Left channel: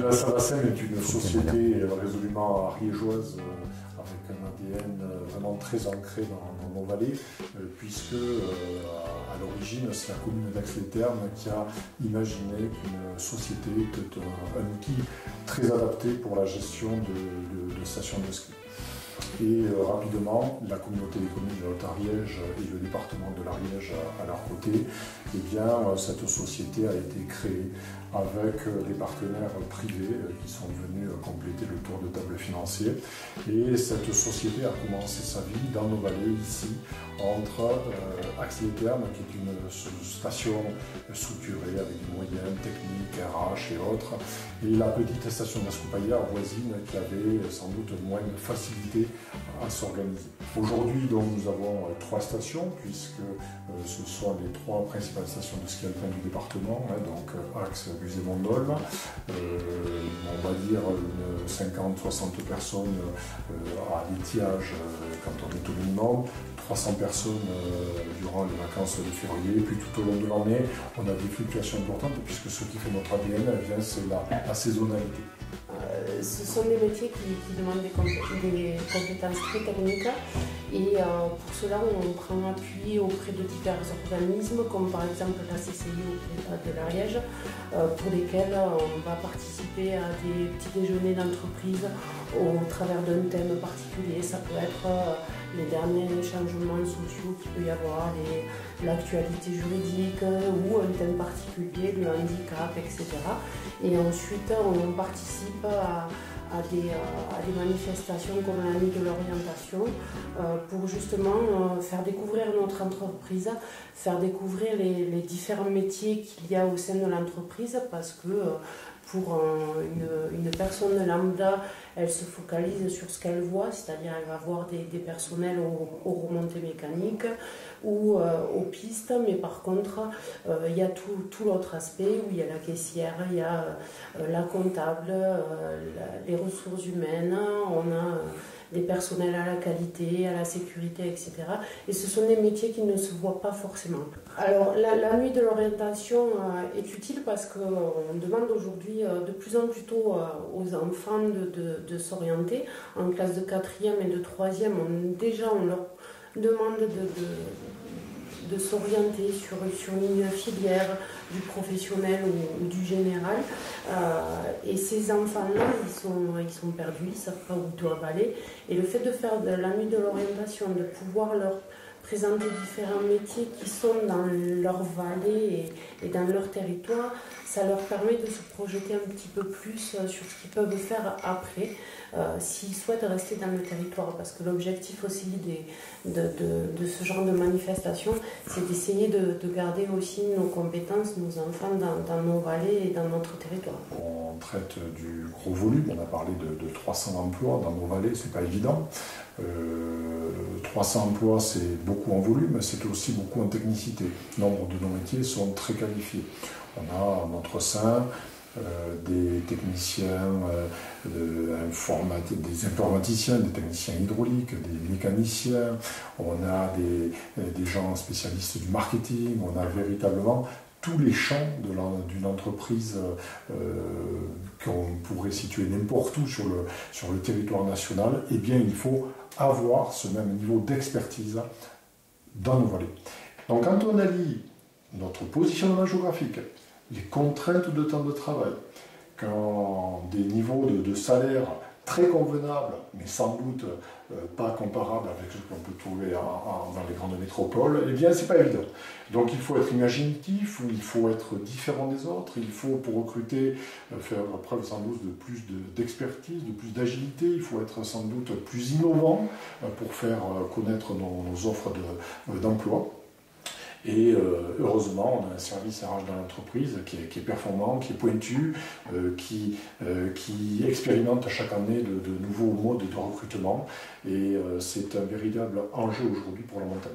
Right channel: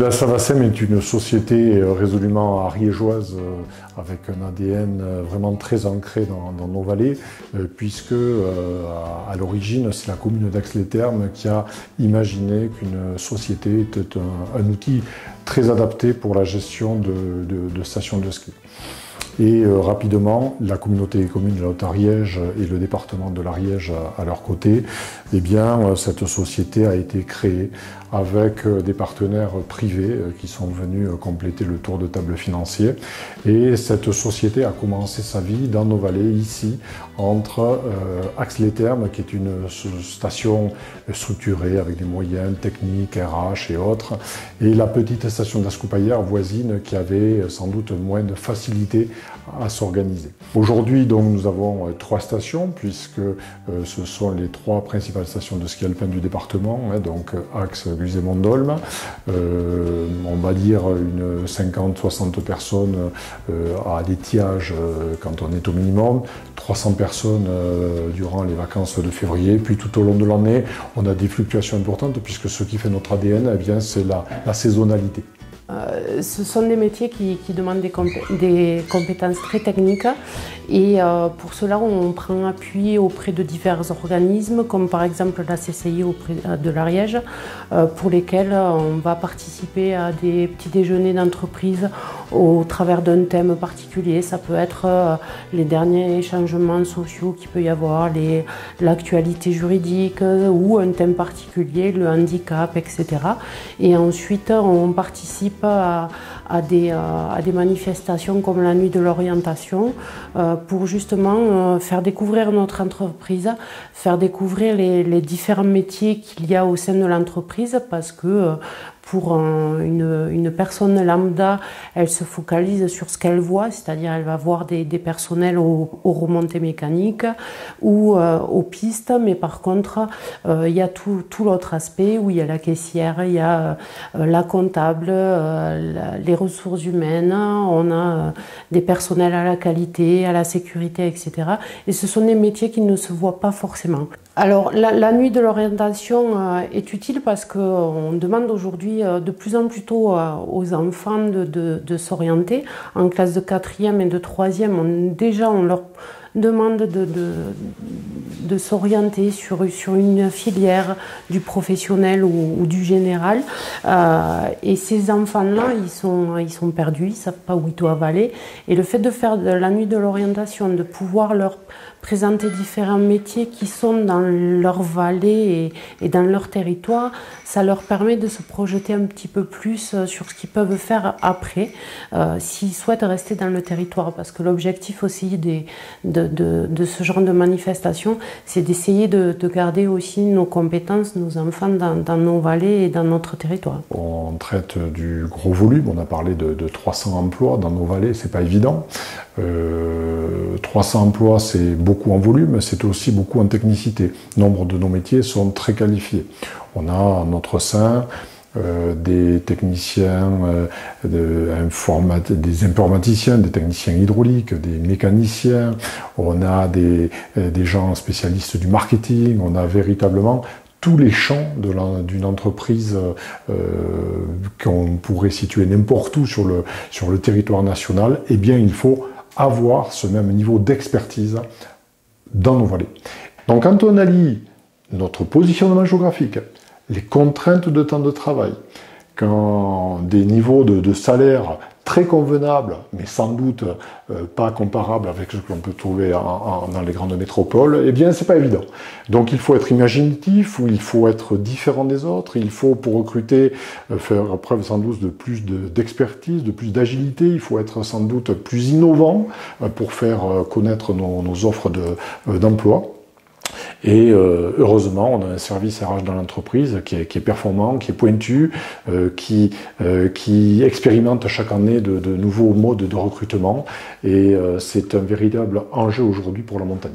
La Savacem est une société résolument ariégeoise avec un ADN vraiment très ancré dans nos vallées, puisque à l'origine c'est la commune d'Ax-les-Thermes qui a imaginé qu'une société était un outil très adapté pour la gestion de stations de ski. Et rapidement, la communauté des communes de la Haute-Ariège et le département de l'Ariège à leur côté, eh bien, cette société a été créée avec des partenaires privés qui sont venus compléter le tour de table financier. Et cette société a commencé sa vie dans nos vallées, ici, entre Ax-les-Thermes, qui est une station structurée avec des moyens techniques, RH et autres, et la petite station d'Ascoupaillère voisine qui avait sans doute moins de facilité à s'organiser. Aujourd'hui, donc, nous avons 3 stations, puisque ce sont les 3 principales stations de ski alpin du département, donc Ax, Guise et Mondolme. On va dire une 50-60 personnes à l'étiage quand on est au minimum, 300 personnes durant les vacances de février, puis tout au long de l'année, on a des fluctuations importantes, puisque ce qui fait notre ADN, eh bien, c'est la saisonnalité. Ce sont des métiers qui demandent des compétences très techniques et pour cela on prend appui auprès de divers organismes comme par exemple la CCI auprès de l'Ariège pour lesquels on va participer à des petits déjeuners d'entreprise au travers d'un thème particulier. Ça peut être les derniers changements sociaux qu'il peut y avoir, l'actualité juridique ou un thème particulier, le handicap, etc. Et ensuite on participe à des manifestations comme la nuit de l'orientation pour justement faire découvrir notre entreprise, faire découvrir les différents métiers qu'il y a au sein de l'entreprise parce que pour une personne lambda, elle se focalise sur ce qu'elle voit, c'est-à-dire elle va voir des personnels aux remontées mécaniques ou aux pistes, mais par contre, il y a tout l'autre aspect où il y a la caissière, il y a la comptable, les ressources humaines, on a des personnels à la qualité, à la sécurité, etc. Et ce sont des métiers qui ne se voient pas forcément. Alors, la nuit de l'orientation est utile parce qu'on demande aujourd'hui de plus en plus tôt aux enfants de s'orienter. En classe de 4e et de 3e, on leur demande de s'orienter sur une filière du professionnel ou du général. Et ces enfants-là, ils sont perdus, ils ne savent pas où ils doivent aller. Et le fait de faire de la nuit de l'orientation, de pouvoir leur présenter différents métiers qui sont dans leur vallée et dans leur territoire, ça leur permet de se projeter un petit peu plus sur ce qu'ils peuvent faire après, s'ils souhaitent rester dans le territoire. Parce que l'objectif aussi de ce genre de manifestation, c'est d'essayer de garder aussi nos compétences, nos enfants dans nos vallées et dans notre territoire. On traite du gros volume, on a parlé de 300 emplois dans nos vallées, c'est pas évident. 300 emplois, c'est beaucoup en volume, c'est aussi beaucoup en technicité. Nombre de nos métiers sont très qualifiés. On a en notre sein des techniciens, des informaticiens, des techniciens hydrauliques, des mécaniciens, on a des gens spécialistes du marketing, on a véritablement tous les champs d'une entreprise qu'on pourrait situer n'importe où sur le territoire national. Eh bien, il faut avoir ce même niveau d'expertise dans nos vallées. Donc quand on allie notre positionnement géographique, les contraintes de temps de travail, quand des niveaux de salaire très convenables, mais sans doute pas comparables avec ce qu'on peut trouver dans les grandes métropoles, eh bien c'est pas évident. Donc il faut être imaginatif, ou il faut être différent des autres, il faut pour recruter faire preuve sans doute de plus d'expertise, de plus d'agilité, il faut être sans doute plus innovant pour faire connaître nos offres d'emploi. Et heureusement, on a un service RH dans l'entreprise qui est performant, qui est pointu, qui expérimente chaque année de nouveaux modes de recrutement. Et c'est un véritable enjeu aujourd'hui pour la montagne.